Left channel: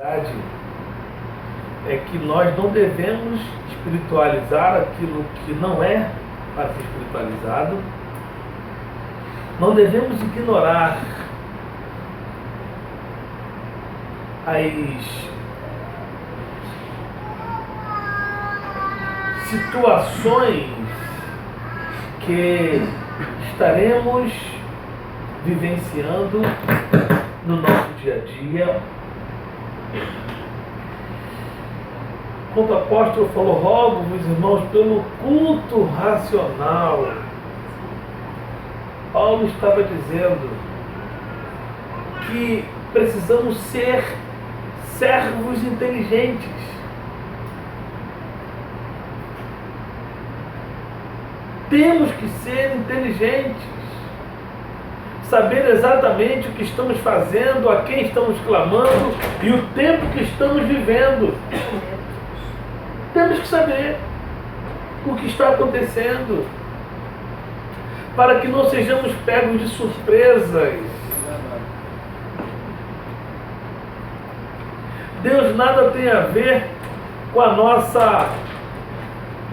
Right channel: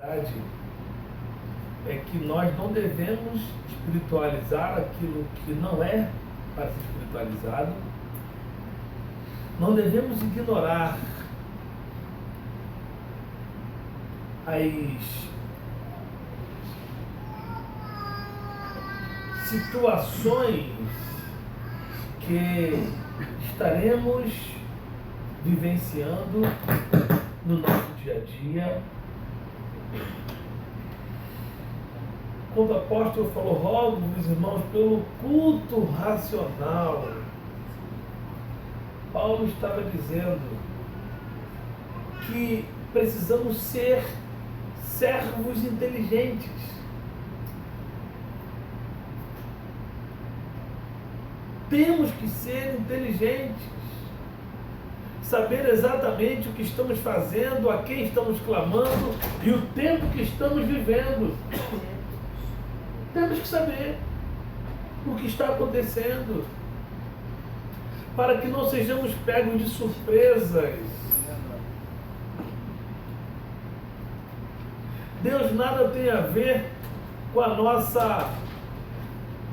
verdade é que nós não devemos espiritualizar aquilo que não é para ser espiritualizado, não devemos ignorar as situações que estaremos vivenciando no nosso dia a dia. Quando o apóstolo falou, rogo-vos, irmãos, pelo culto racional, Paulo estava dizendo que precisamos ser servos inteligentes. Temos que ser inteligentes, saber exatamente o que estamos fazendo, a quem estamos clamando e o tempo que estamos vivendo. Temos que saber o que está acontecendo, para que não sejamos pegos de surpresas. Deus nada tem a ver com a nossa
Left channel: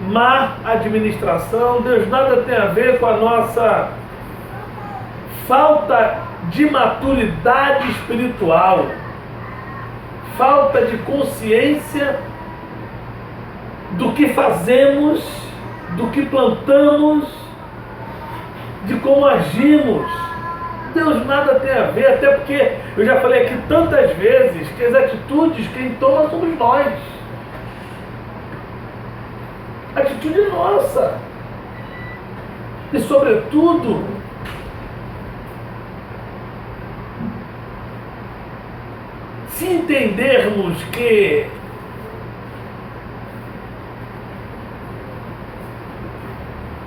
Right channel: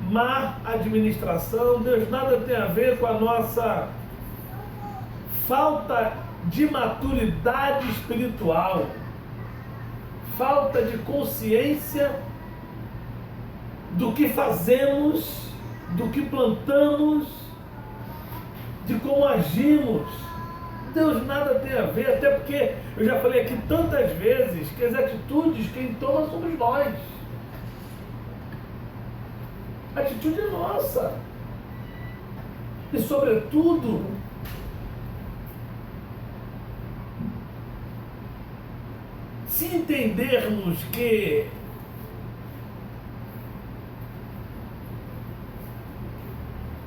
má administração, Deus nada tem a ver com a nossa falta de maturidade espiritual, falta de consciência do que fazemos, do que plantamos, de como agimos. Deus nada tem a ver, até porque eu já falei aqui tantas vezes que as atitudes quem toma somos nós. A atitude é nossa. E sobretudo, se entendermos que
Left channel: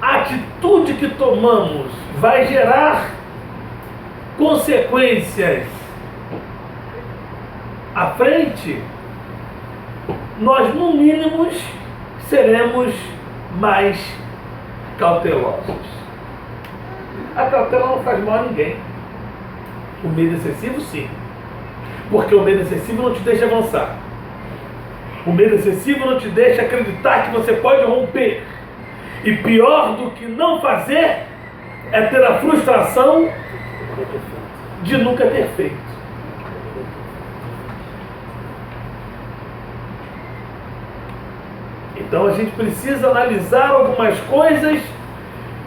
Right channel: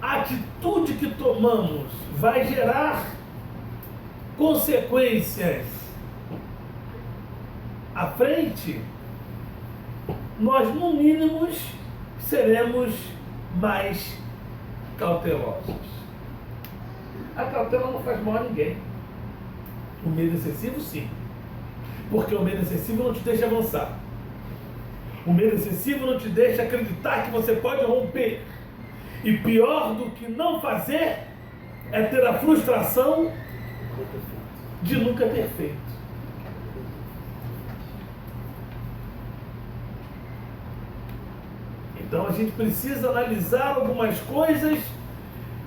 a atitude que tomamos vai gerar consequências à frente, nós no mínimo seremos mais cautelosos. A cautela não faz mal a ninguém. O medo excessivo, sim. Porque o medo excessivo não te deixa avançar. O medo excessivo não te deixa acreditar que você pode romper. E pior do que não fazer é ter a frustração de nunca ter feito. Então a gente precisa analisar algumas coisas.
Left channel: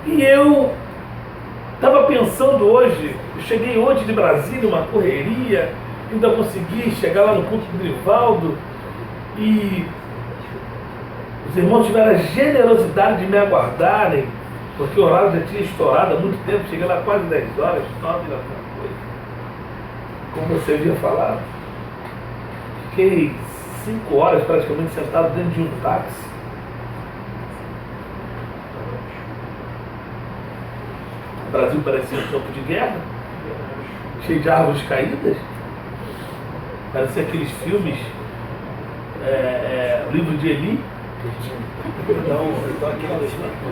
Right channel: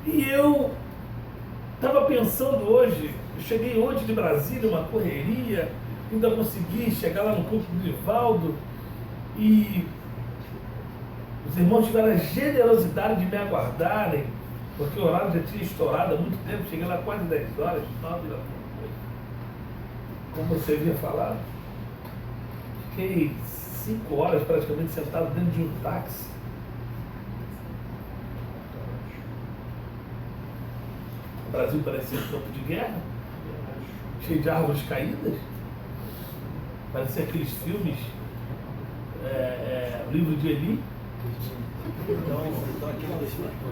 E eu estava pensando hoje, eu cheguei ontem de Brasília, uma correria, ainda consegui chegar lá no culto do Grivaldo, e os irmãos tiveram a generosidade de me aguardarem, porque o horário já tinha estourado há muito tempo, cheguei lá quase 10 horas, 9 da coisa. Como você havia falado, fiquei 5 horas praticamente sentado dentro de um táxi. O Brasil parecia um campo de guerra, cheio de árvores caídas. Parecia aqueles filmes, o livro de Eli.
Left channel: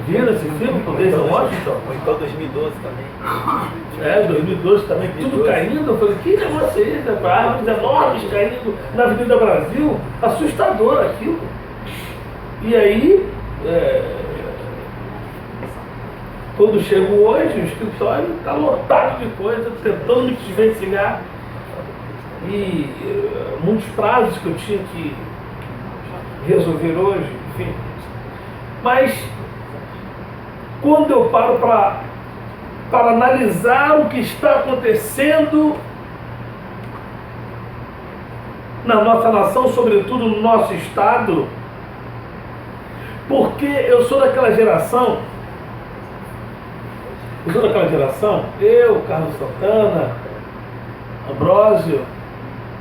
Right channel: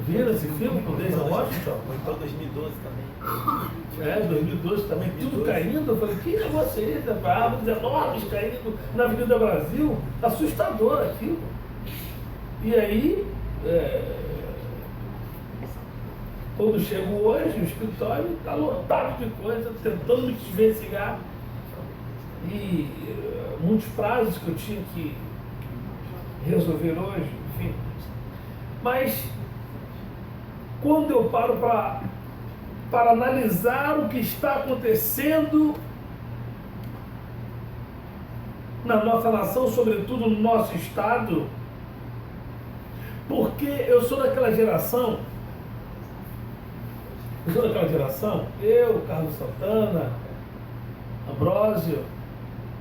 Viram esse filme com Denzel Washington? Então 2012 também. 2012 também, tudo caindo. Eu falei, que negócio é esse? Árvores enormes caindo na Avenida Brasil. Assustador aquilo. E aí, quando chego hoje, o escritório está lotado de coisa, tentando me desvencilhar. E muitos prazos que eu tinha que resolver hoje, enfim. Mas quando eu paro para analisar o que está acontecendo na nossa nação, sobretudo no nosso estado, porque eu sou daquela geração, eu, Carlos Santana, Ambrósio,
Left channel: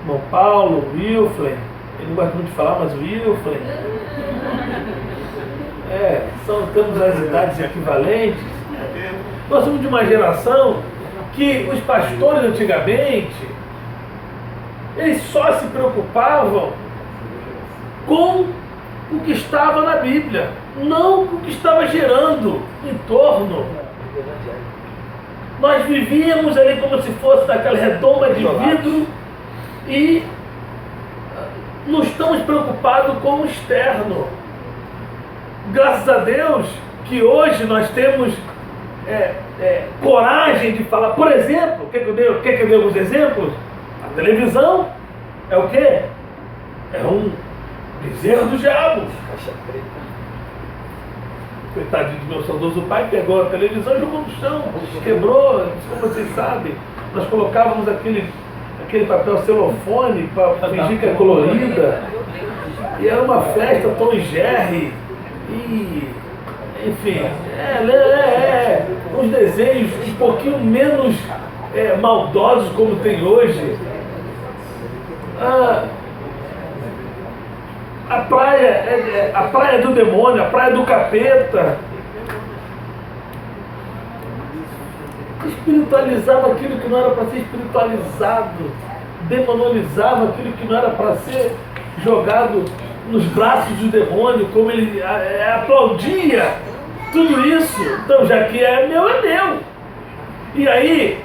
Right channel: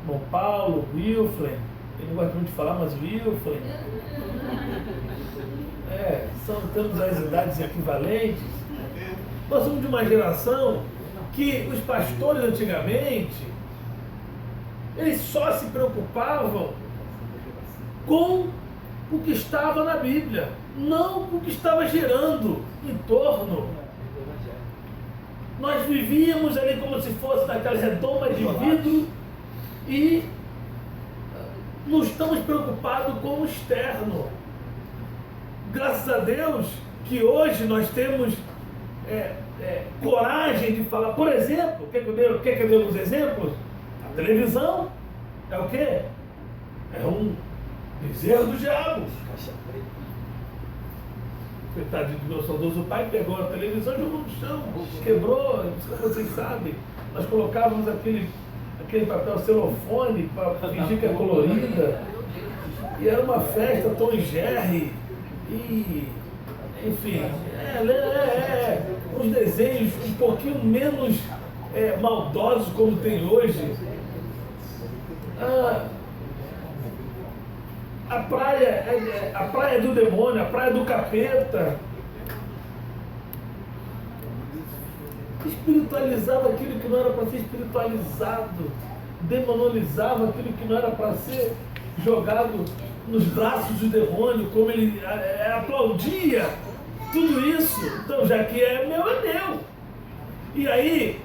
irmão Paulo, Wilflen, ele não gosta muito de falar, mas o Wilflen, temos as idades equivalentes. Nós somos de uma geração que os pastores antigamente, eles só se preocupavam com o que estava na Bíblia, não com o que estava gerando em torno. Nós vivíamos ali como se fosse naquela redoma de vidro e não estamos preocupados com o externo. Graças a Deus que hoje nós temos coragem de falar. Por exemplo, quer que eu dê alguns exemplos? A televisão é o quê? É um bezerro do diabo. Caixa preta. Coitadinho do meu saudoso pai, pegou a televisão e jogou no chão, quebrou, como vocês sabem. Nós colocávamos aquele papel celofone para fingir que é colorida. E era uma festa Tom e Jerry. E, enfim, uns desenhos um pouquinho menos maldosos como tem hoje. A praia do demônio, a praia do capeta. Espiritualizava aquilo que não era para ser espiritualizado, demonizava aquilo que não era para ser jogado nos braços do demônio, como ele aplaudia tudo isso. Então, já que é meu, é meu. E aí,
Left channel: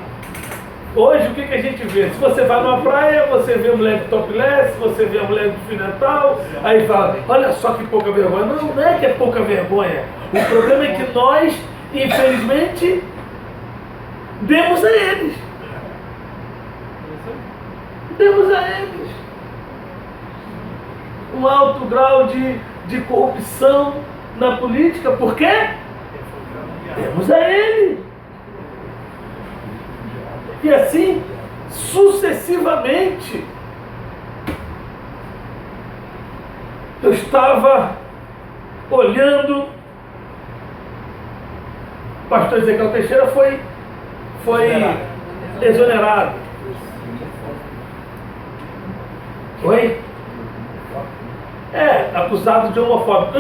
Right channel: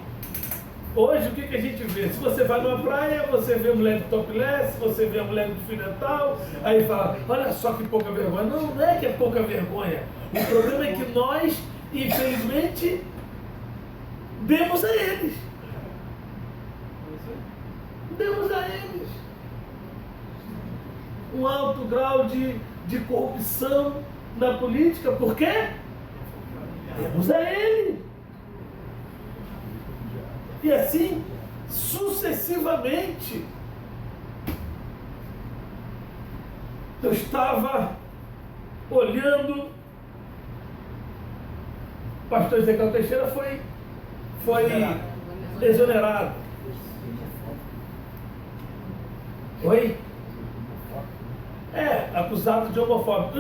hoje o que a gente vê? Se você vai numa praia, você vê a mulher de topless, você vê a mulher de fio dental, aí fala, olha só que pouca vergonha. Não é que é pouca vergonha. O problema é que nós, infelizmente, demos a eles. Demos a eles um alto grau de corrupção na política. Por quê? Demos a eles. E assim, sucessivamente. Eu estava olhando, o pastor Ezequiel Teixeira foi exonerado. Oi? Acusado de homofóbico.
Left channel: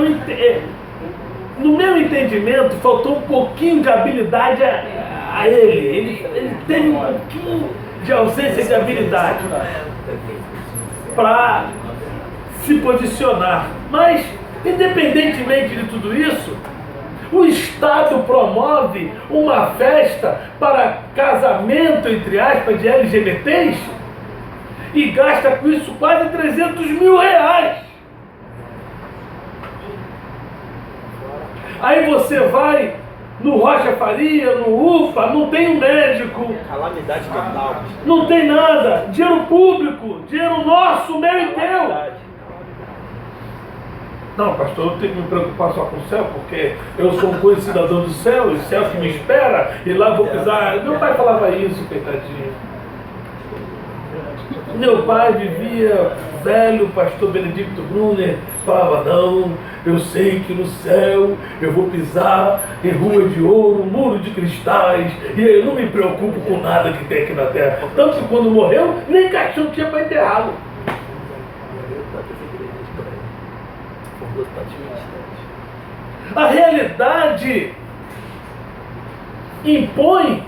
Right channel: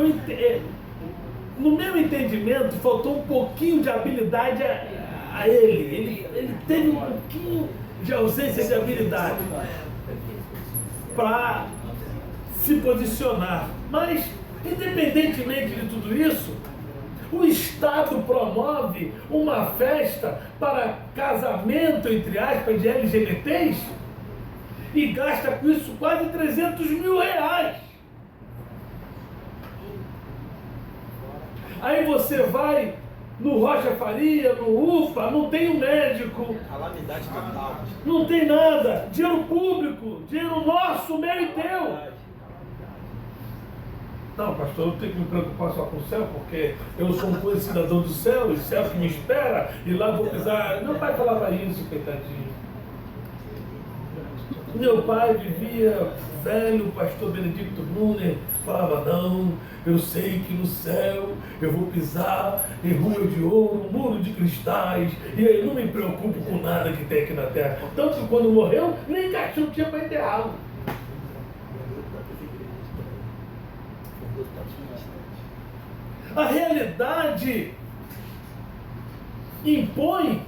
No meu entendimento, faltou um pouquinho de habilidade a ele. Ele teve um pouquinho de ausência de habilidade para se posicionar. Mas, independentemente de tudo isso, o Estado promove uma festa para casamento, entre aspas, de LGBTs e gasta com isso quase 300 mil reais. Aí você vai no Rocha Faria, no UPA, não tem um médico. Calamidade total. Não tem nada. Dinheiro público, dinheiro nosso, meu e teu. Não, pastor, eu tenho que me preocupar só com o céu, porque eu sou um cidadão do céu, e o céu que me espera, e lá vou pisar. Meu pai falava isso, coitadinho. Meu pai vivia, velho pastor Benedicto Brunner, falava, não, eu sei que no céu eu vou pisar em rua de ouro, muro de cristais, e eu não me preocupo com nada que tem aqui na terra. Tanto que quando morreu, nem caixão tinha para enterrá-lo. A realidade impõe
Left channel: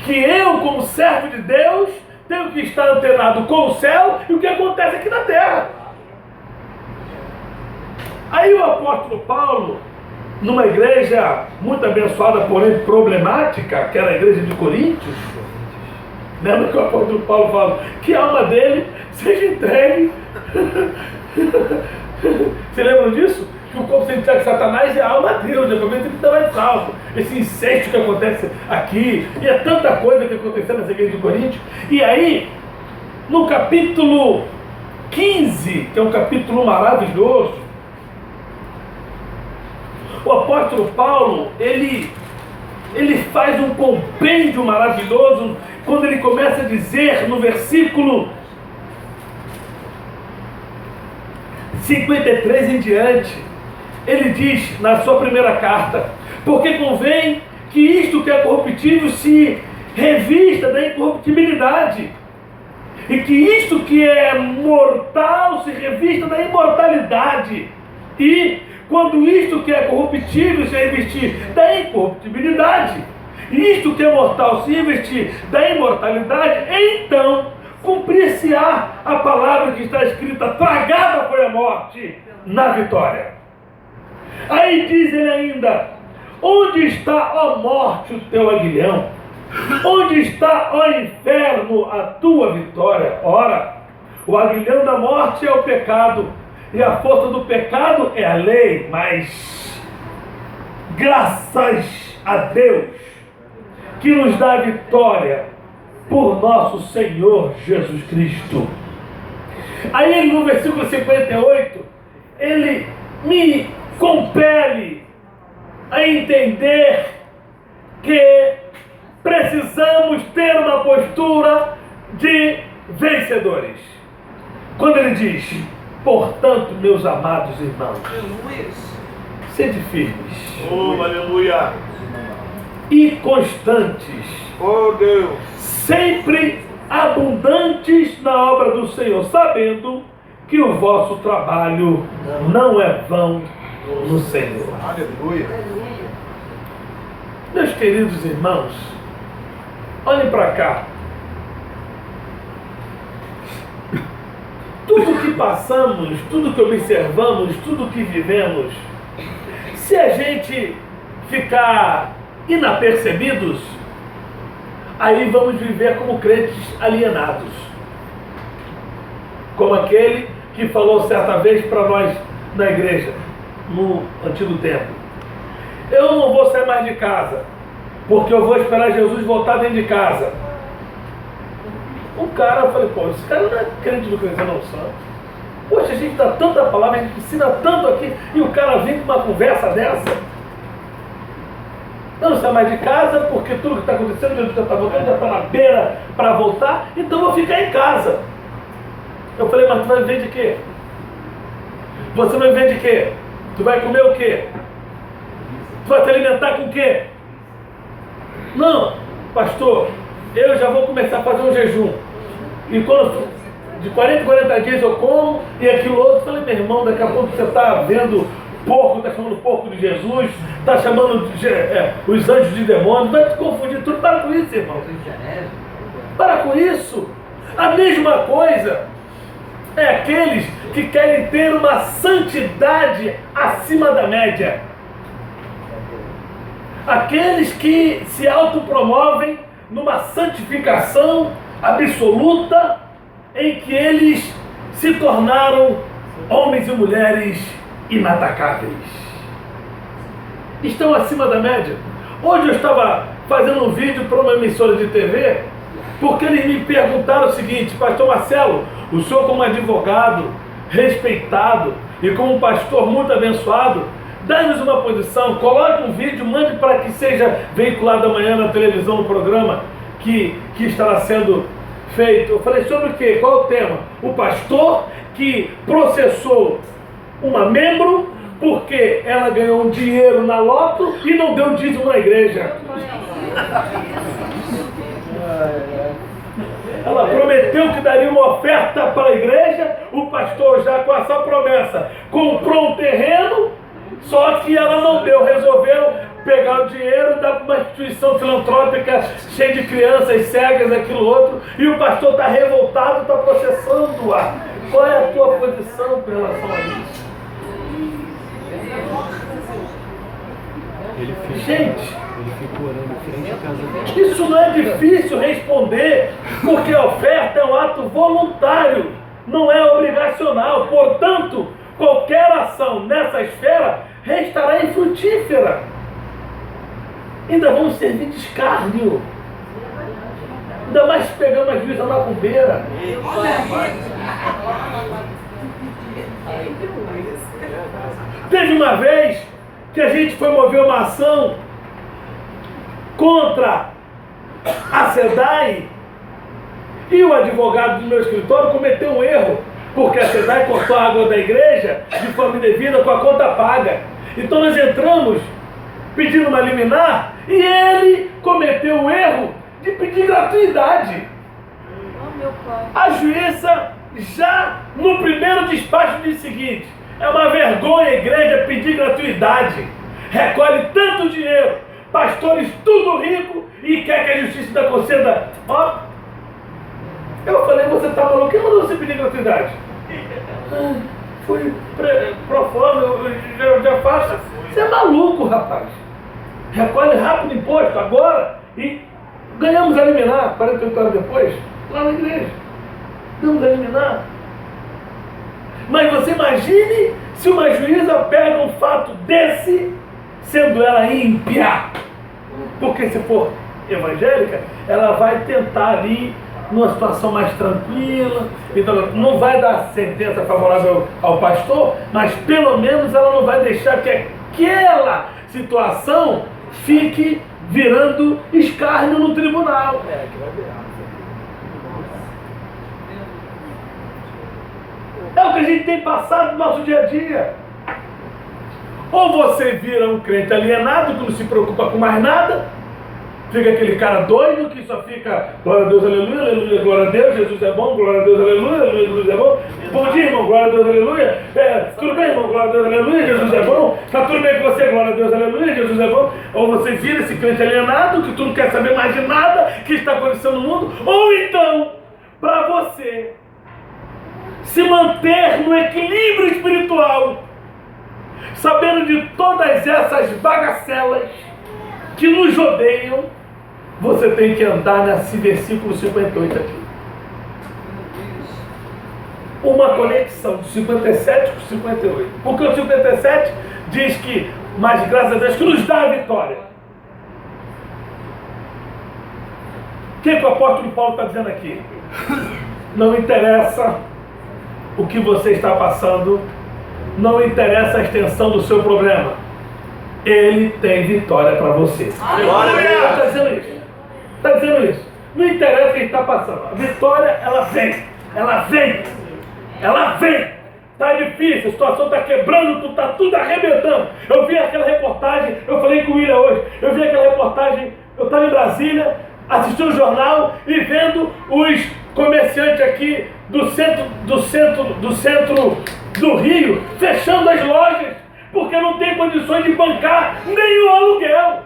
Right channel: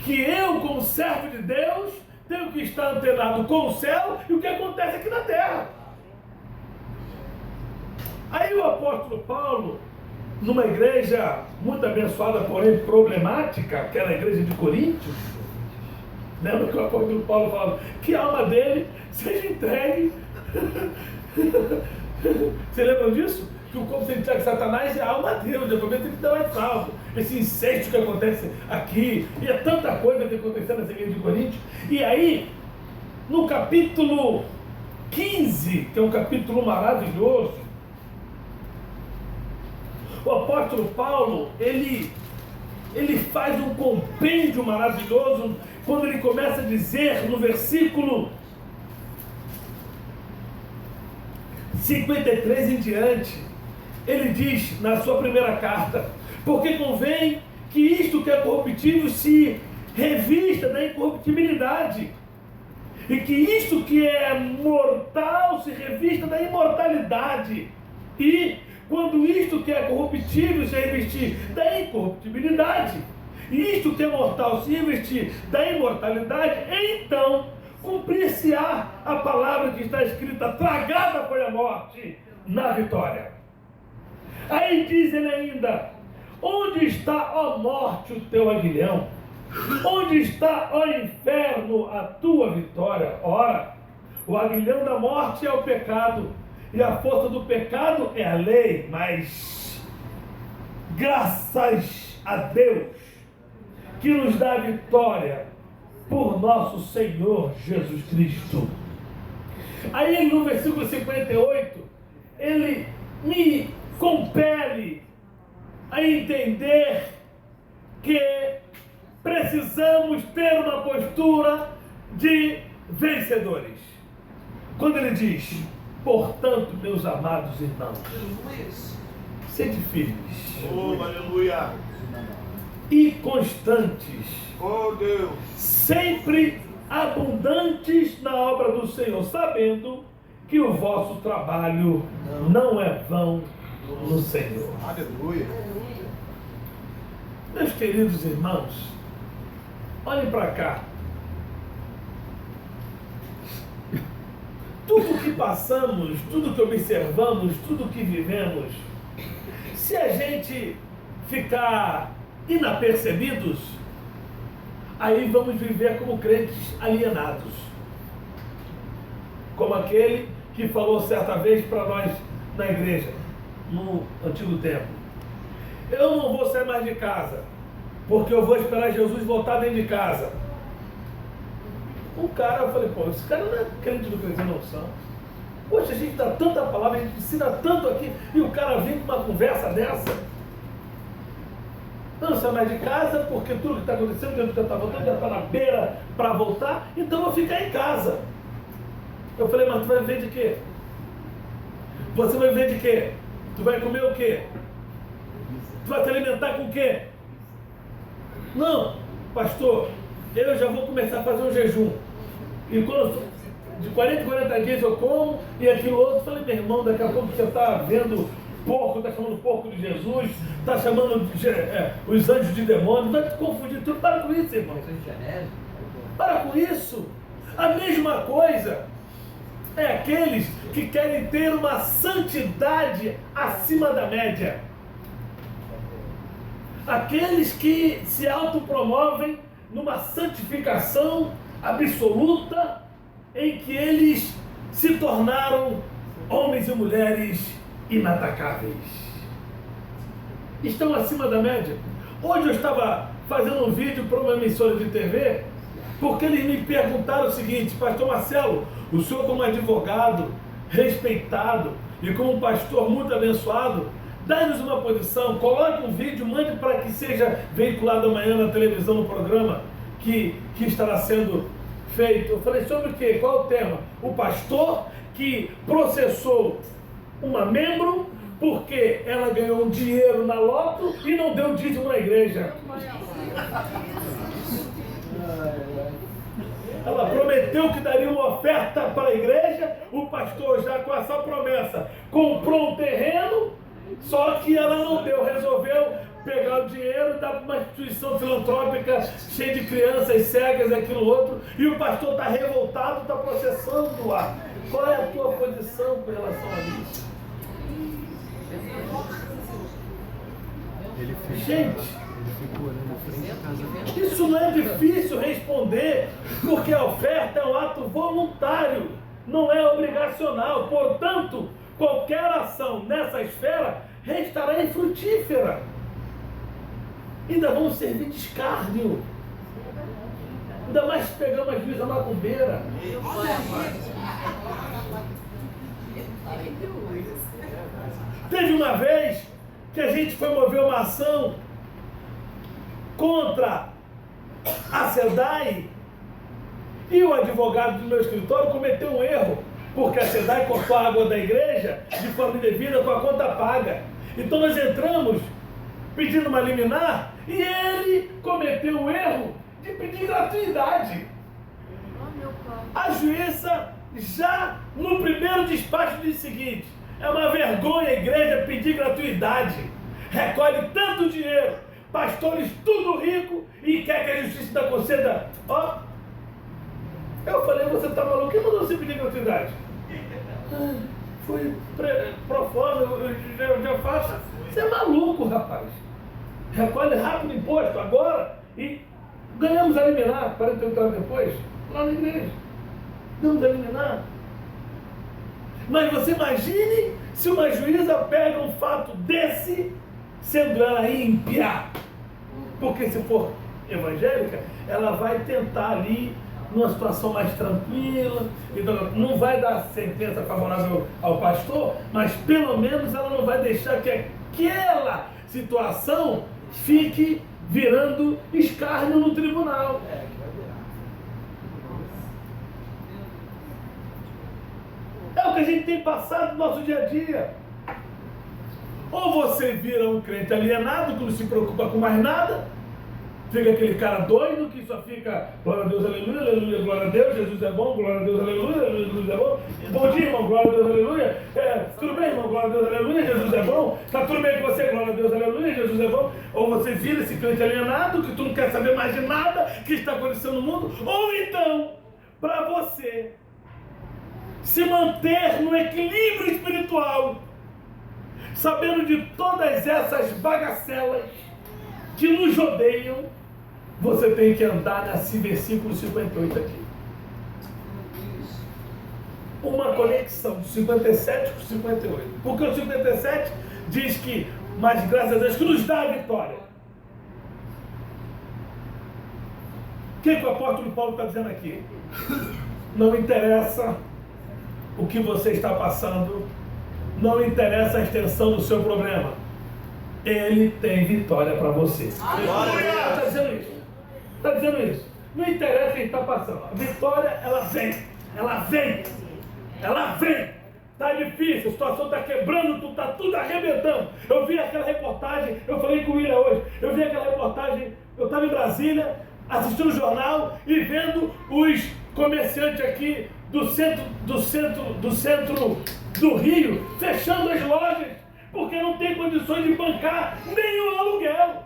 que eu, como servo de Deus, tenho que estar antenado com o céu e o que acontece aqui na terra. Aí o apóstolo Paulo, numa igreja muito abençoada, porém problemática, que era a igreja de Coríntios, lembra que o apóstolo Paulo fala que a alma dele seja entregue. Você lembra disso? Que o corpo sentido de Satanás é a alma de Deus, depois ele não é salvo. Esse incesto que acontece aqui, e é tanta coisa que aconteceu nessa igreja de Coríntios. E aí, no capítulo 15, que é um capítulo maravilhoso, o apóstolo Paulo, ele faz um compêndio maravilhoso, quando ele começa a dizer no versículo 53 em diante, ele diz na sua primeira carta, porque convém que isto que é corruptível se revista da incorruptibilidade, e que isto que é mortal se revista da imortalidade, e quando isto que é corruptível se revestir da incorruptibilidade, e isto que é mortal se revestir da imortalidade, então cumprir-se-á a palavra que está escrita, tragada foi a morte na vitória. Aí diz ele ainda, onde está, ó morte, o teu aguilhão? Onde está, ó inferno, a tua vitória? Ora, O aguilhão da morte é o pecado, e a força do pecado é a lei, mas graças a Deus que nos dá a vitória por nosso Senhor Jesus Cristo. Aí ele, no versículo 58, ele me compele a entender que precisamos ter uma postura de vencedores. Quando ele diz: portanto, meus amados irmãos, sede firmes, Aleluia. E constantes, Deus. sempre abundantes na obra do Senhor, sabendo que o vosso trabalho não é vão no Senhor. Aleluia. Meus queridos irmãos, olhem para cá. Tudo que passamos, tudo que observamos, tudo que vivemos, se a gente ficar inapercebidos, aí vamos viver como crentes alienados. Como aquele que falou certa vez para nós na igreja, no antigo tempo: eu não vou sair mais de casa, porque eu vou esperar Jesus voltar dentro de casa. O cara, eu falei: pô, esse cara não é crente do Crescendo ao Santo. Poxa, a gente dá tanta palavra, a gente ensina tanto aqui, e o cara vem com uma conversa dessa. Eu não saio mais de casa, porque tudo que está acontecendo, Jesus já está voltando, já está na beira para voltar, então eu vou ficar em casa. Eu falei: mas tu vai viver de quê? Você vai viver de quê? Tu vai comer o quê? Tu vai se alimentar com o quê? Não, pastor, eu já vou começar a fazer um jejum. E quando de 40 em 40 dias eu como, e aquilo outro. Eu falei: meu irmão, daqui a pouco você está vendo porco, está chamando porco de Jesus, está chamando os anjos de demônios, vai te confundir tudo. Para com isso, irmão. Para com isso. A mesma coisa é aqueles que querem ter uma santidade acima da média. Aqueles que se autopromovem numa santificação absoluta, em que eles se tornaram homens e mulheres inatacáveis. Estão acima da média. Hoje eu estava fazendo um vídeo para uma emissora de TV, porque eles me perguntaram o seguinte: pastor Marcelo, o senhor como advogado, respeitado, e como pastor muito abençoado, dá-nos uma posição, coloque um vídeo, mande para que seja veiculado amanhã na televisão, no programa que estará sendo feito. Eu falei: sobre o quê? Qual é o tema? O pastor que processou uma membro porque ela ganhou um dinheiro na loto e não deu dízimo na igreja. Ela prometeu que daria uma oferta para a igreja, o pastor já com essa promessa comprou um terreno, só que ela não deu, resolveu pegar o dinheiro e dar para uma instituição filantrópica cheia de crianças cegas, aquilo outro, e o pastor está revoltado, está processando-a. Qual é a tua posição com relação a isso? Gente, ele ficou orando em frente à casa dele. Isso não é difícil responder, porque a oferta é um ato voluntário, não é obrigacional. Portanto, qualquer ação nessa esfera restará infrutífera. Ainda vamos servir de escárnio. Ainda mais se pegar uma juíza macumbeira. Teve uma vez que a gente foi mover uma ação contra a SEDAI e o advogado do meu escritório cometeu um erro, porque a SEDAI cortou a água da igreja de forma indevida com a conta paga. Então nós entramos pedindo uma liminar e ele cometeu o erro de pedir gratuidade. A juíza já no primeiro despacho disse o seguinte: é uma vergonha a igreja pedir gratuidade, recolhe tanto dinheiro, pastores tudo rico, e quer que a justiça ainda conceda. Ó, eu falei: você tá maluco? Quem mandou você pedir gratuidade? Fui pro forma, eu já faço. Você é maluco, rapaz. Recolhe rápido o imposto agora e ganhamos a liminar 48 horas depois, lá na igreja. Ganhamos a liminar. Mas você imagine se uma juíza pega um fato desse, sendo ela ímpia. Porque se for evangélica, ela vai tentar ali, numa situação mais tranquila, então não vai dar sentença favorável ao pastor, mas pelo menos ela não vai deixar que aquela situação fique virando escárnio no tribunal. É o que a gente tem passado no nosso dia a dia. Ou você vira um crente alienado, que não se preocupa com mais nada, fica aquele cara doido que só fica glória a Deus, aleluia, aleluia, glória a Deus, Jesus é bom, glória a Deus, aleluia, aleluia, Jesus é bom. Bom dia, irmão, glória a Deus, aleluia. Tudo bem, irmão, glória a Deus, aleluia, Jesus é bom. Tá tudo bem com você, glória a Deus, aleluia, Jesus é bom. Ou você vira esse crente alienado, que tu não quer saber mais de nada que está acontecendo no mundo. Ou então, para você se manter no equilíbrio espiritual, sabendo de todas essas bagacelas que nos rodeiam, você tem que andar nesse versículo 58 aqui. Uma conexão de 57 com 58. Porque o 57 diz que, mas graças a Deus que nos dá a vitória. O que o apóstolo Paulo está dizendo aqui? Não interessa o que você está passando, não interessa a extensão do seu problema. Ele tem vitória para você. Está dizendo isso. Está dizendo isso. Não interessa o que está passando. A vitória, ela vem. Ela vem. Ela vem. Está difícil, a situação está quebrando, está tudo arrebentando. Eu vi aquela reportagem, eu falei com o William hoje, eu vi aquela reportagem, eu estava em Brasília, assistindo o jornal e vendo os comerciantes aqui do centro do Rio fechando as lojas, porque não tem condições de bancar nenhum aluguel.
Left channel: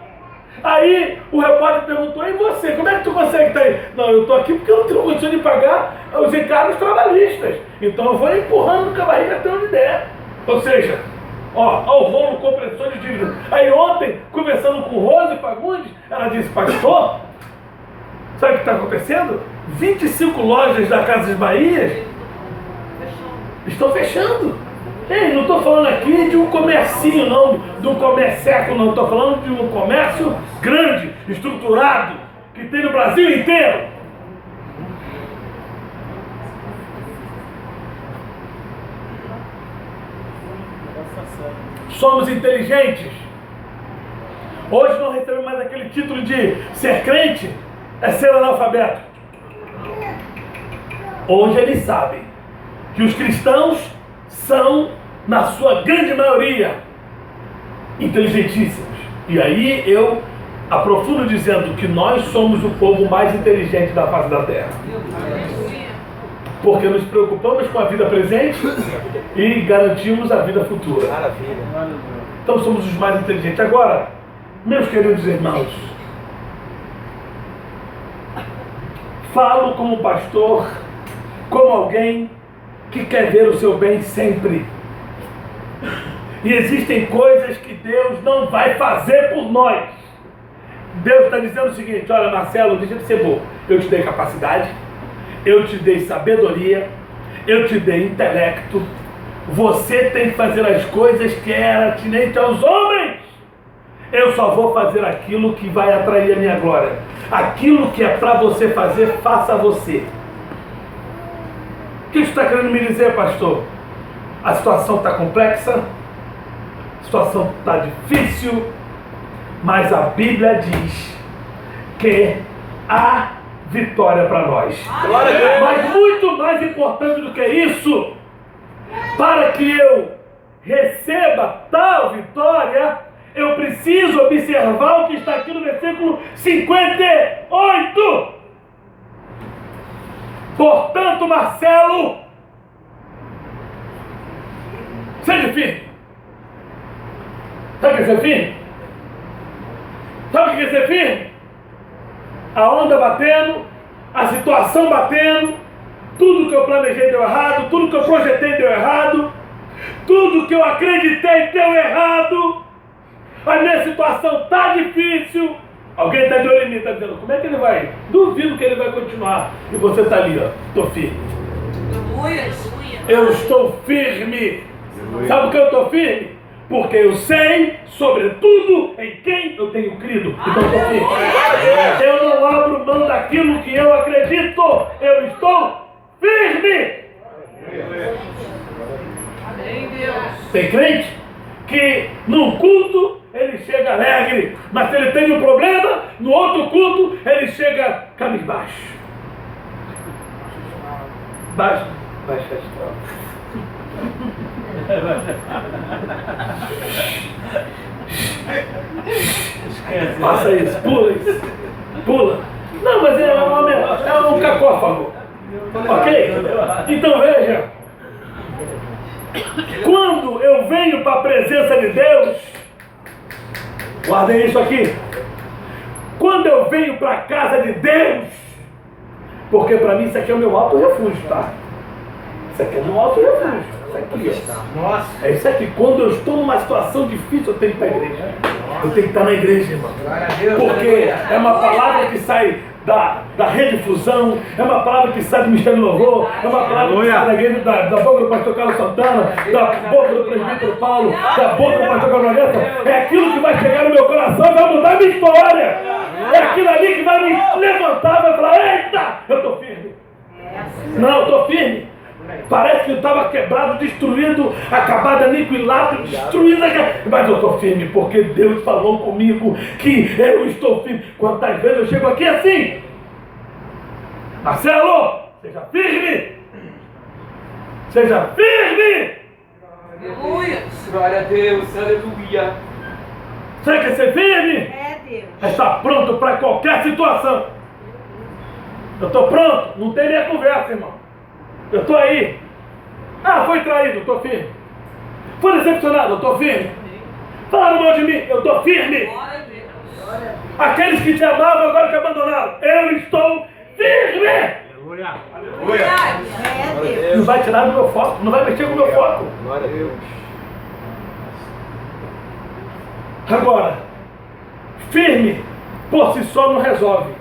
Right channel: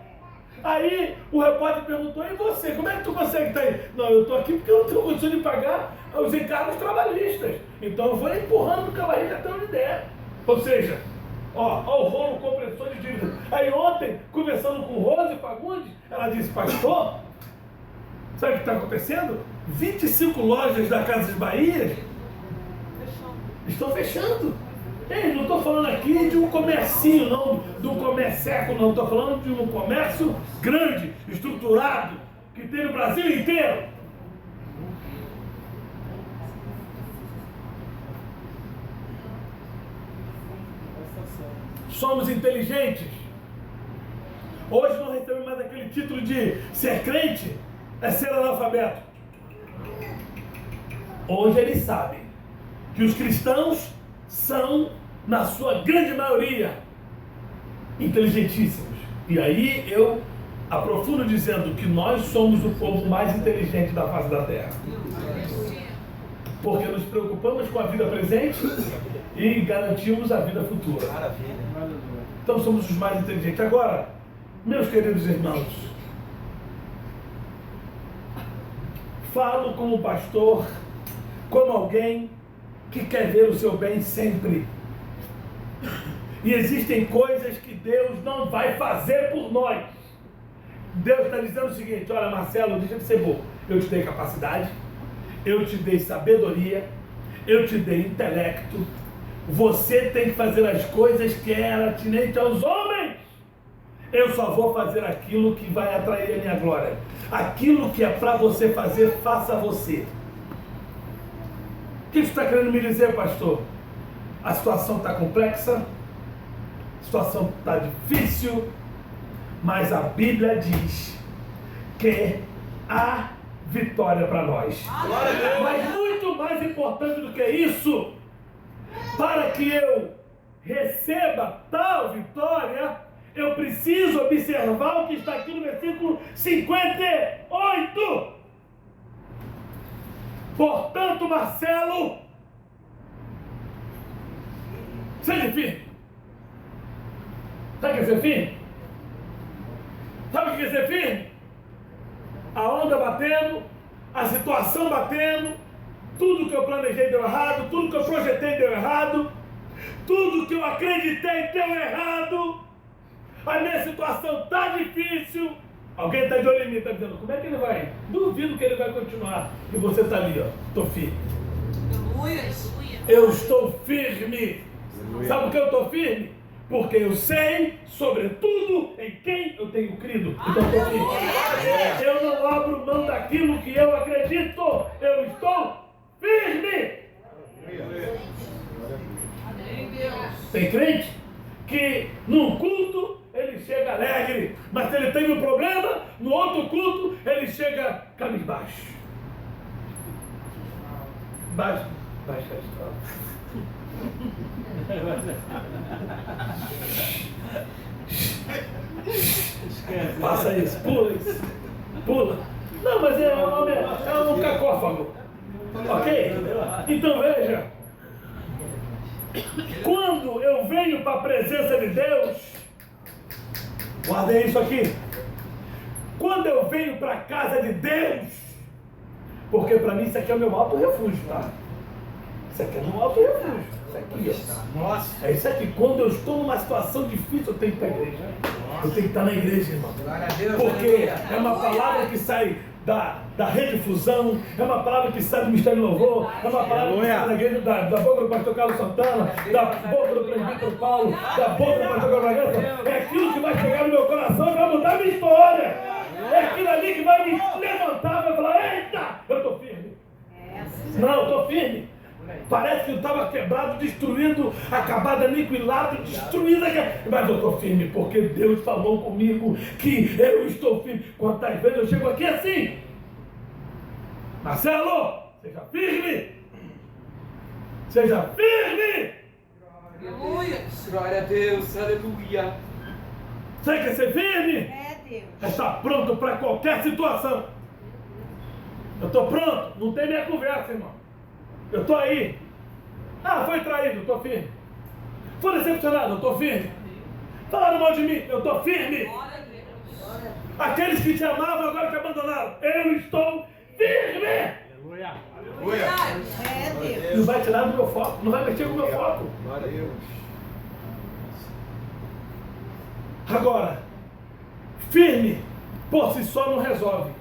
Aí o repórter perguntou, e você, como é que tu consegue estar aí? Não, eu estou aqui porque eu não tenho condição de pagar os encargos trabalhistas. Então eu vou empurrando com a barriga até onde der. Ou seja, o rolo compressor de dívida. Aí ontem, conversando com Rose Fagundes, ela disse, pastor, sabe o que está acontecendo? 25 lojas da Casas Bahia estão fechando. Ei, não estou falando aqui de um comercinho, não, de um comércio, não. Estou falando de um comércio grande, estruturado, que tem no Brasil inteiro. Somos inteligentes. Hoje não recebemos mais aquele título de ser crente, é ser analfabeto. Hoje eles sabem que os cristãos são, na sua grande maioria, inteligentíssimos. E aí eu aprofundo dizendo que nós somos o povo mais inteligente da face da terra. Porque nos preocupamos com a vida presente e garantimos a vida futura. Então somos os mais inteligentes. Agora, meus queridos irmãos, falo como pastor, como alguém que quer ver o seu bem sempre. E existem coisas que Deus não vai fazer por nós. Deus está dizendo o seguinte, olha Marcelo, deixa de ser bobo. Eu te dei capacidade, eu te dei sabedoria, eu te dei intelecto. Você tem que fazer as coisas que era atinente aos homens. Eu só vou fazer aquilo que vai atrair a minha glória. Aquilo que é para você fazer, faça você. O que você está querendo me dizer, pastor? A situação está complexa, a situação está difícil, mas a Bíblia diz que há vitória para nós. Mas muito mais importante do que isso, para que eu receba tal vitória, eu preciso observar o que está aqui no versículo 58. Portanto, Marcelo, seja firme. Sabe o que é ser firme? Sabe o que é ser firme? A onda batendo, a situação batendo, tudo que eu planejei deu errado, tudo que eu projetei deu errado, tudo que eu acreditei deu errado, a minha situação está difícil. Alguém está de olho em mim, está dizendo, como é que ele vai? Duvido que ele vai continuar. E você está ali, ó, estou firme. Eu estou firme. Sabe por que eu estou firme? Porque eu sei, sobretudo, em quem eu tenho crido. Então eu estou firme. Eu não abro mão daquilo que eu acredito. Eu estou firme. Tem crente que num culto ele chega alegre, mas se ele tem um problema, no outro culto ele chega cabisbaixo. Baixo astral. Faça isso, pula isso. Pula. Não, mas é um cacófago. Ok? Então veja. Quando eu venho para a presença de Deus, guardem isso aqui. Quando eu venho para a casa de Deus, porque para mim isso aqui é o meu alto refúgio, tá? Isso aqui é meu alto refúgio. Isso aqui, ó. Nossa. É isso aqui. Quando eu estou numa situação difícil, eu tenho que estar na igreja. Eu tenho que estar na igreja, irmão. Porque é uma palavra que sai da redifusão, é uma palavra que sai do Ministério do Louvor, é uma palavra que sai da igreja, da boca do pastor Carlos Santana, da boca do presbítero Paulo, da boca do pastor Carlos Valença. É aquilo que vai chegar no meu coração e vai mudar a minha história. É aquilo ali que vai me levantar e vai falar: eita, eu estou firme. Não, eu estou firme. Parece que eu estava quebrado, destruído, acabado, aniquilado, destruído, mas eu estou firme, porque Deus falou comigo que eu estou firme. Quantas vezes eu chego aqui assim: Marcelo, seja firme! Seja firme! Aleluia! Glória a Deus, aleluia! Você quer ser firme? É Deus! Está pronto para qualquer situação. Eu estou pronto, não tem minha conversa, irmão. Eu estou aí. Ah, foi traído, eu estou firme. Foi decepcionado, eu estou firme. Falaram mal de mim, eu estou firme. Aqueles que te amavam agora te abandonaram, eu estou firme. Aleluia. Não vai tirar do meu foco, não vai mexer com o meu foco. Agora, firme por si só não resolve.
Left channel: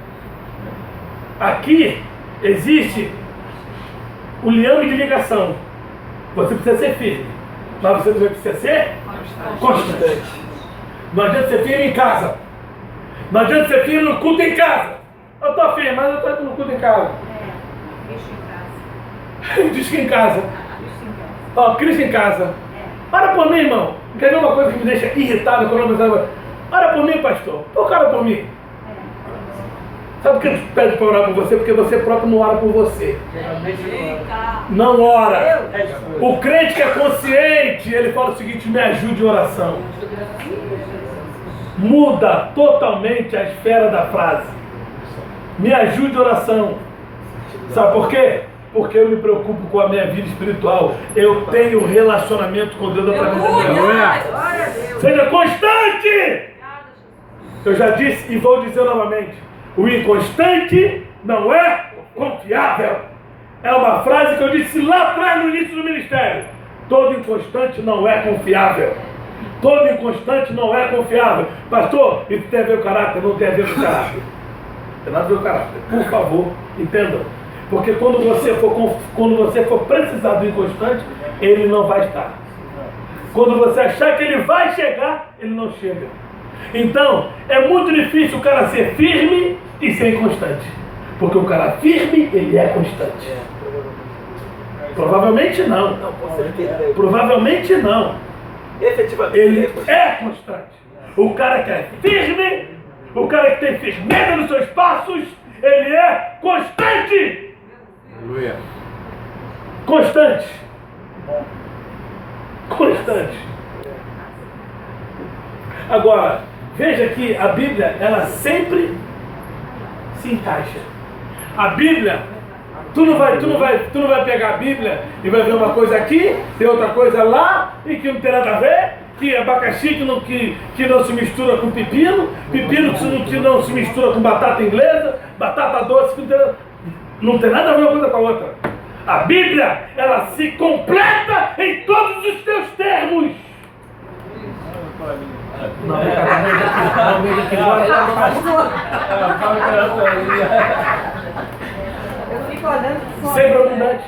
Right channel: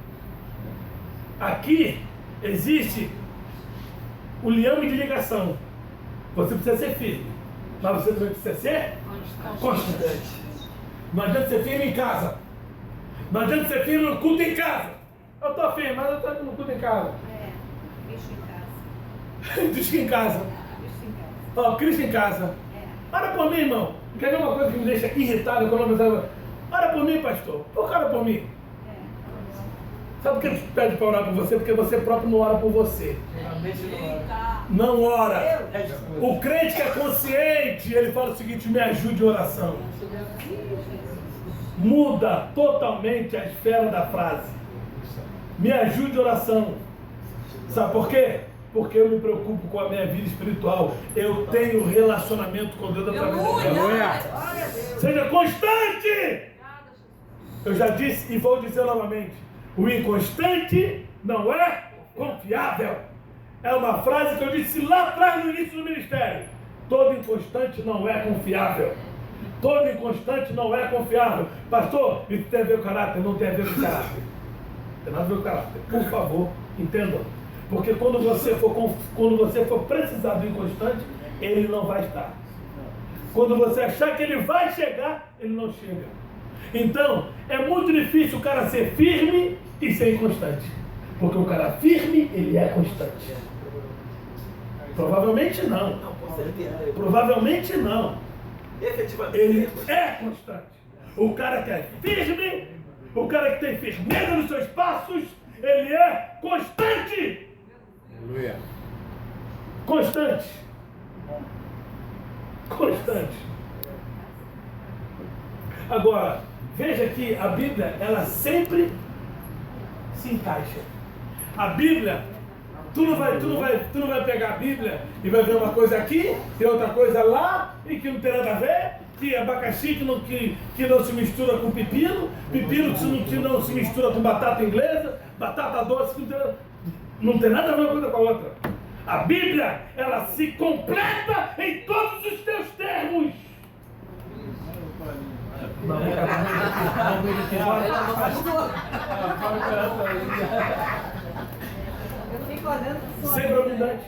Aqui existe o liame de ligação. Você precisa ser firme, mas você também precisa ser constante. Não adianta ser firme em casa. Não adianta ser firme no culto em casa. Eu estou firme, mas eu estou no culto em casa. Diz que em casa. Ó, Cristo em casa. Ora por mim, irmão. Quer ver uma coisa que me deixa irritado quando eu pensava? Ora por mim, pastor. Por que ora por mim? Sabe por que ele pede para orar por você? Porque você próprio não ora por você. Não ora. O crente que é consciente, ele fala o seguinte: me ajude em oração. Muda totalmente a esfera da frase. Me ajude em oração. Sabe por quê? Porque eu me preocupo com a minha vida espiritual. Eu tenho relacionamento com Deus através da minha vida. Seja constante. Eu já disse e vou dizer novamente: o inconstante não é confiável. É uma frase que eu disse lá atrás no início do ministério. Todo inconstante não é confiável. Todo inconstante não é confiável. Pastor, isso tem a ver com o caráter? Não tem a ver com o caráter. Tem nada a ver com o caráter. Por favor, entendam. Porque quando você for precisar do inconstante, ele não vai estar. Quando você achar que ele vai chegar, ele não chega. Então, é muito difícil o cara ser firme e ser inconstante. Porque o cara firme, ele é constante. Provavelmente não. Provavelmente não. Ele é constante. O cara que é firme, o cara que tem firmeza nos seus passos, ele é constante. Aleluia. Constante. Constante. Agora, veja que a Bíblia, ela sempre se encaixa. A Bíblia, tu não vai pegar a Bíblia e vai ver uma coisa aqui, tem outra coisa lá, e que não tem nada a ver, que abacaxi que não se mistura com pepino, pepino que não se mistura com batata inglesa, batata doce que não tem nada a ver uma coisa com a outra. A Bíblia, ela se completa em todos os teus termos. Sempre abundante.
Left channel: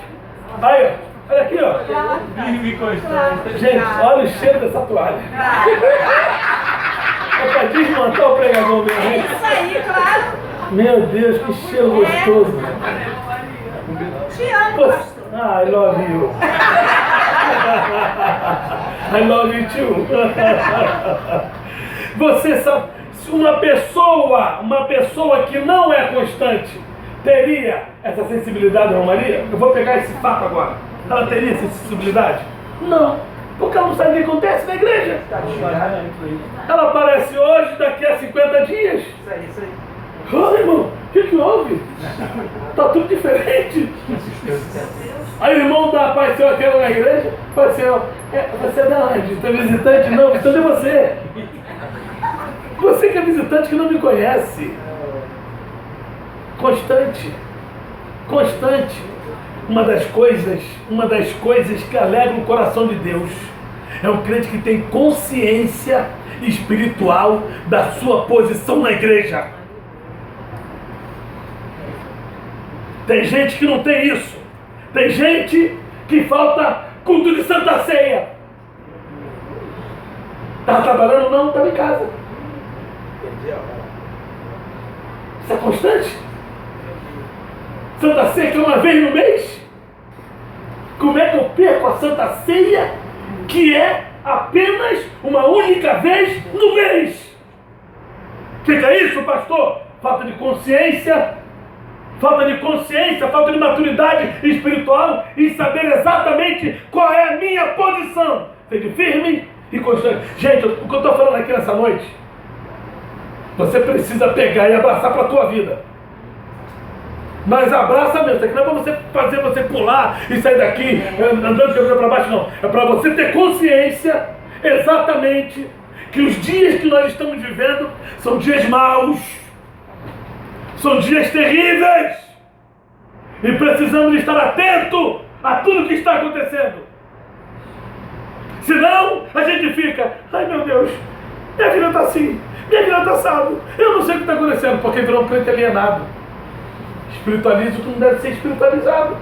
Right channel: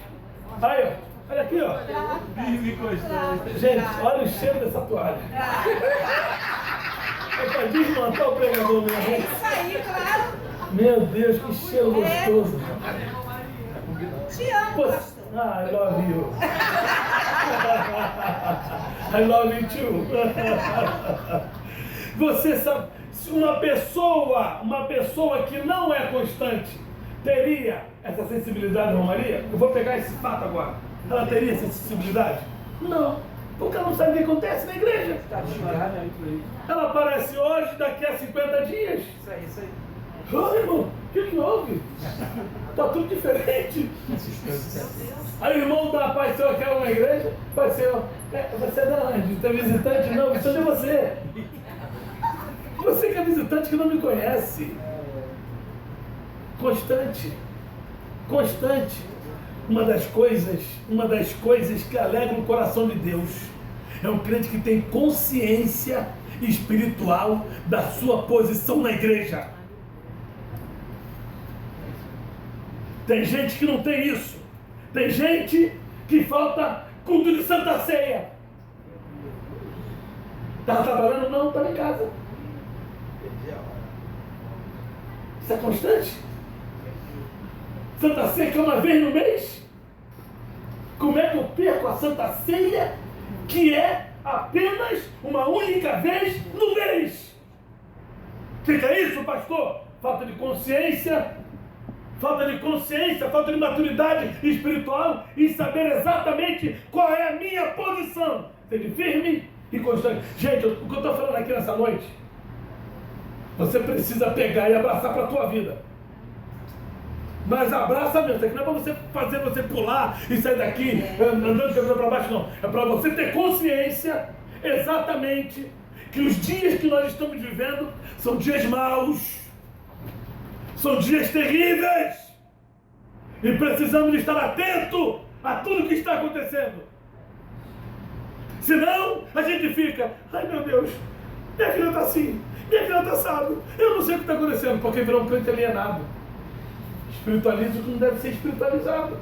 Aí, ó, olha aqui, ó. Firme e constante. Gente, olha o cheiro dessa toalha. É pra desmontar o pregador mesmo. É isso aí, claro. Meu Deus, que cheiro gostoso. Te amo, pastor. Ah, I love you. I love you too. Você sabe, se uma pessoa que não é constante, teria essa sensibilidade, não, Maria? Eu vou pegar esse fato agora. Ela teria essa sensibilidade? Não, porque ela não sabe o que acontece na igreja. Ela aparece hoje, daqui a 50 dias. Isso aí. Ô, irmão, o que houve? Tá tudo diferente. Aí o irmão apareceu aquela na igreja, apareceu, você é da onde? Você é visitante? Não, visitante é você. Você que é visitante que não me conhece. Constante. Uma das coisas que alegra o coração de Deus é um crente que tem consciência espiritual da sua posição na igreja. Tem gente que não tem isso. Tem gente que falta culto de Santa Ceia. Está trabalhando? Não, estava em casa. Isso é constante? Santa Ceia que é uma vez no mês? Como é que eu perco a Santa Ceia que é apenas uma única vez no mês? Fica isso, pastor? Falta de consciência, falta de maturidade espiritual e saber exatamente qual é a minha posição. Seja firme e constante. Gente, o que eu estou falando aqui nessa noite, você precisa pegar e abraçar para a tua vida. Mas abraça mesmo, isso aqui não é para você fazer você pular e sair daqui andando de cabeça para baixo, não. É para você ter consciência exatamente que os dias que nós estamos vivendo são dias maus, são dias terríveis e precisamos estar atentos a tudo que está acontecendo. Senão a gente fica, ai meu Deus, minha vida está assim, minha vida está assado, eu não sei o que está acontecendo, porque virou um crente alienado. Espiritualiza o que não deve ser espiritualizado.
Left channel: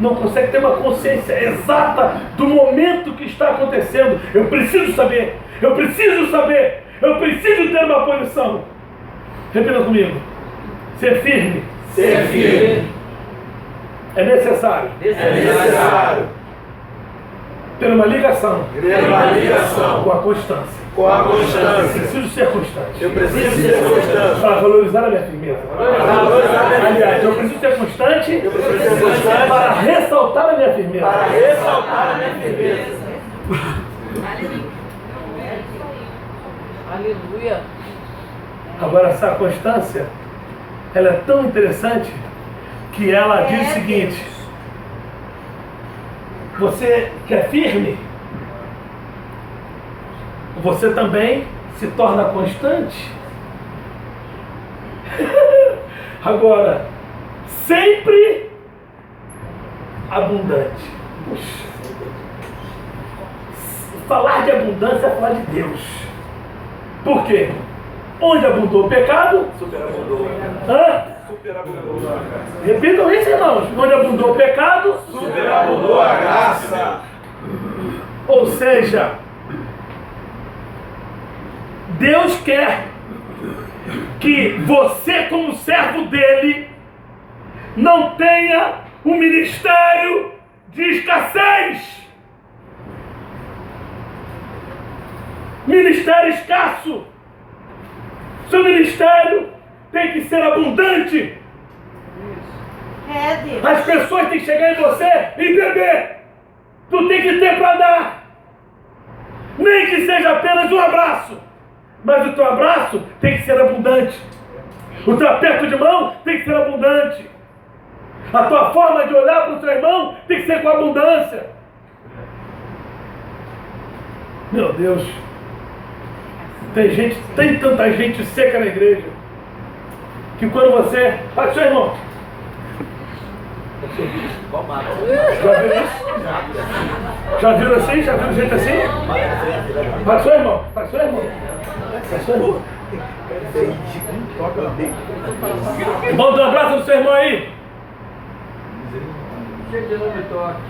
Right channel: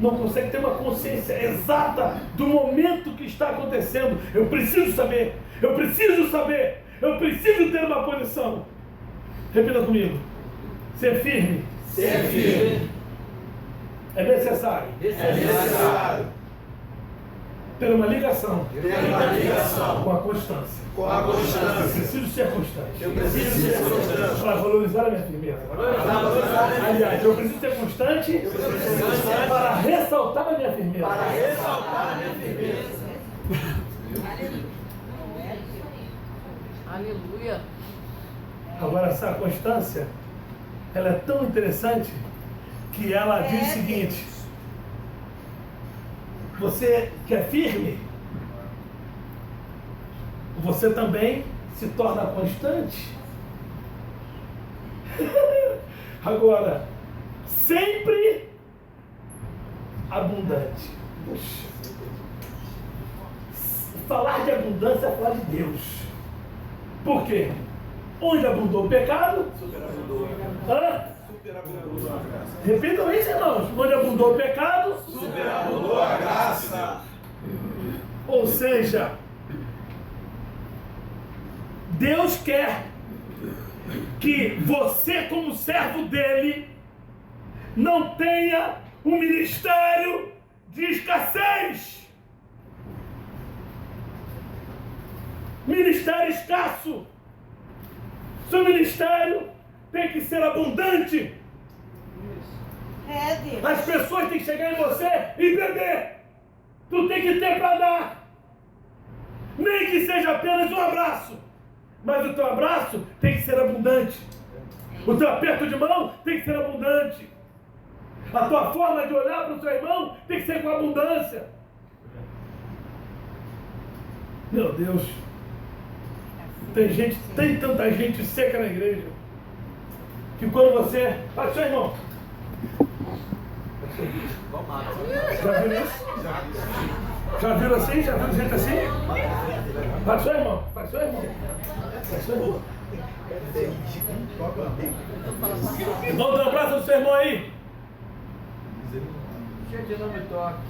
Não consegue ter uma consciência exata do momento que está acontecendo. Eu preciso saber, eu preciso ter uma posição. Repita comigo. Ser firme. É necessário. Ter uma ligação. Com a constância. Eu preciso ser constante. Para valorizar a minha firmeza. Aliás, eu preciso ser constante para ressaltar a minha firmeza. Aleluia. Agora, essa constância, ela é tão interessante que ela diz o seguinte: você que é firme, você também se torna constante. Agora, sempre abundante. Puxa. Falar de abundância é falar de Deus. Por quê? Onde abundou o pecado? Superabundou. Repitam isso, irmãos. Onde abundou o pecado? Superabundou a graça. Ou seja, Deus quer que você, como servo dele, não tenha um ministério de escassez. Ministério escasso. Seu ministério tem que ser abundante. Deus. As pessoas têm que chegar em você e beber. Tu tem que ter para dar. Nem que seja apenas um abraço. Mas o teu abraço tem que ser abundante. O teu aperto de mão tem que ser abundante. A tua forma de olhar para o teu irmão tem que ser com abundância. Meu Deus. Tem tanta gente seca na igreja, que quando você... Vai, seu irmão. Já viram isso? Já viram assim? Já viram gente assim? Vai, seu irmão. Vai, seu irmão. Vai, seu irmão. Irmão, dá um abraço no seu irmão aí. Gente, não me toque.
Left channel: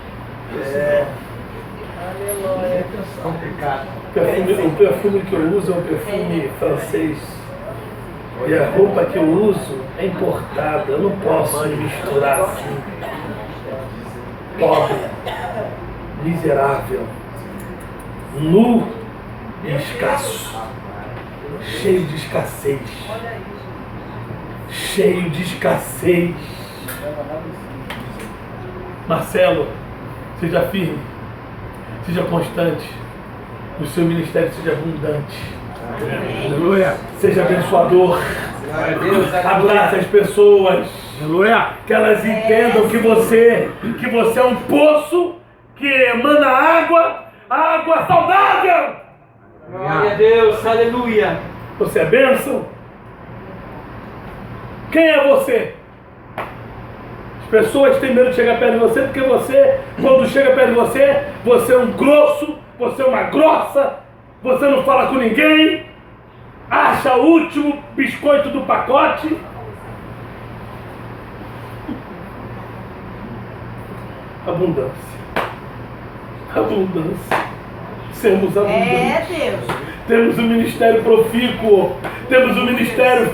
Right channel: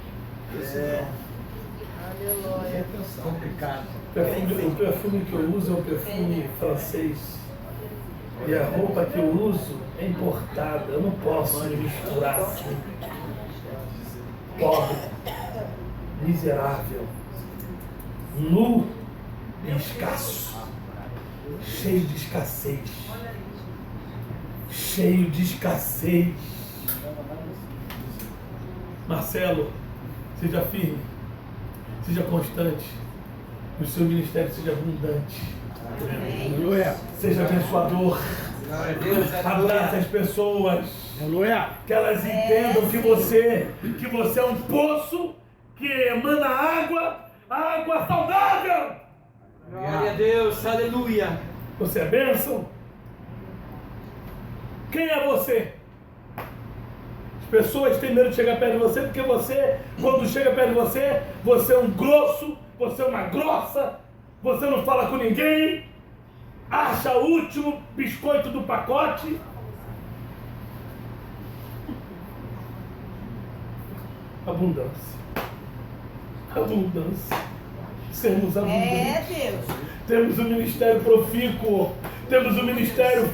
Aleluia. Complicado. O perfume que eu uso é um perfume francês. E a roupa que eu uso é importada. Eu não posso me misturar assim. Pobre, miserável, nu e escasso, cheio de escassez. Cheio de escassez. Marcelo, seja firme, seja constante, o seu ministério seja abundante. Aleluia. Seja abençoador. Abraça as pessoas. Aleluia. Que elas entendam que você é um poço que emana água saudável. Glória a Deus, aleluia. Você é bênção? Quem é você? As pessoas têm medo de chegar perto de você porque você, quando chega perto de você, você é um grosso, você é uma grossa, você não fala com ninguém, acha o último biscoito do pacote. Abundância. Abundância. Sermos abundantes. É, Deus. Temos um ministério profícuo, temos um ministério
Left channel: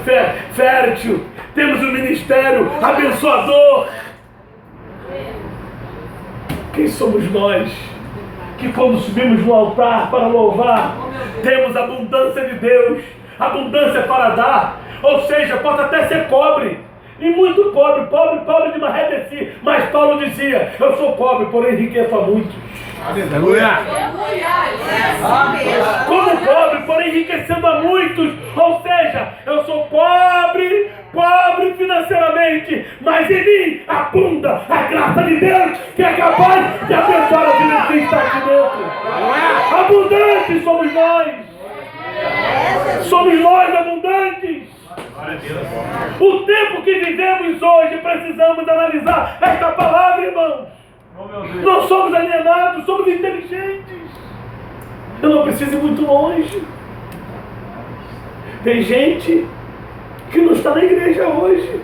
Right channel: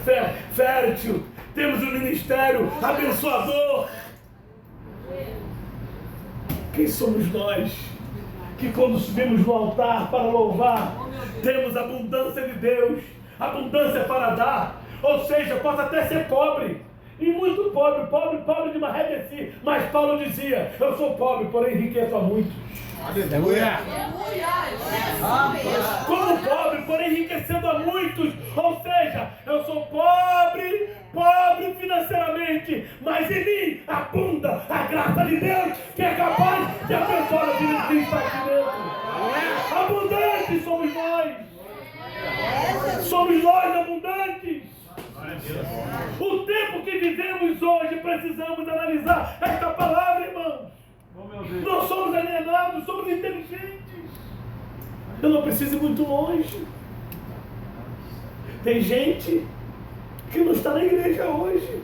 fértil, temos um ministério abençoador. Quem somos nós que quando subimos no altar para louvar, temos abundância de Deus, abundância para dar, ou seja, pode até ser pobre, e muito pobre de Marredeci, mas Paulo dizia, eu sou pobre, porém enriqueço a muitos. Aleluia. Como pobre, porém enriquecendo a muitos, ou seja, eu sou pobre financeiramente, mas em mim abunda a graça de Deus, que é capaz de abençoar a vida que está aqui dentro. Abundantes somos nós. Somos nós abundantes. O tempo que vivemos hoje, precisamos analisar esta palavra, irmãos. Nós somos alienados, somos inteligentes. Eu não preciso ir muito longe. Tem gente que não está na igreja hoje.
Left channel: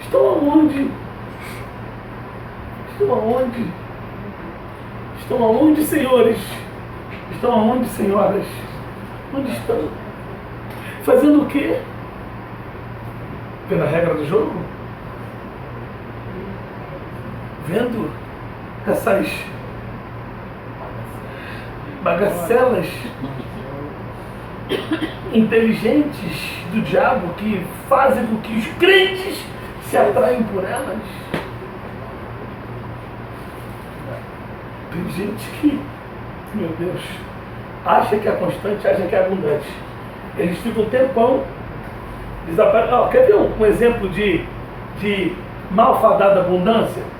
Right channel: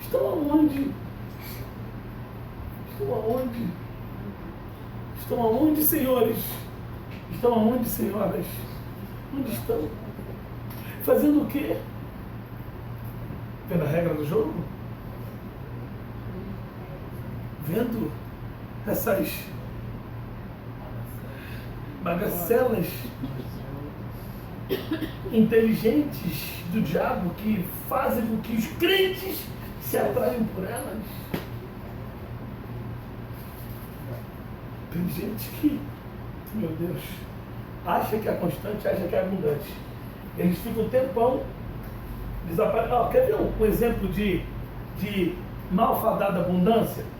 Estão aonde? Estão aonde? Estão aonde, senhores? Estão aonde, senhoras? Onde estão? Fazendo o quê? Pela regra do jogo? Vendo essas bagacelas inteligentes do diabo que fazem com que os crentes se atraem por elas. Tem gente que, meu Deus, acha que é constante, acha que é abundante. Eles ficam um tempão desaparecendo. Quer ver um exemplo de malfadada abundância?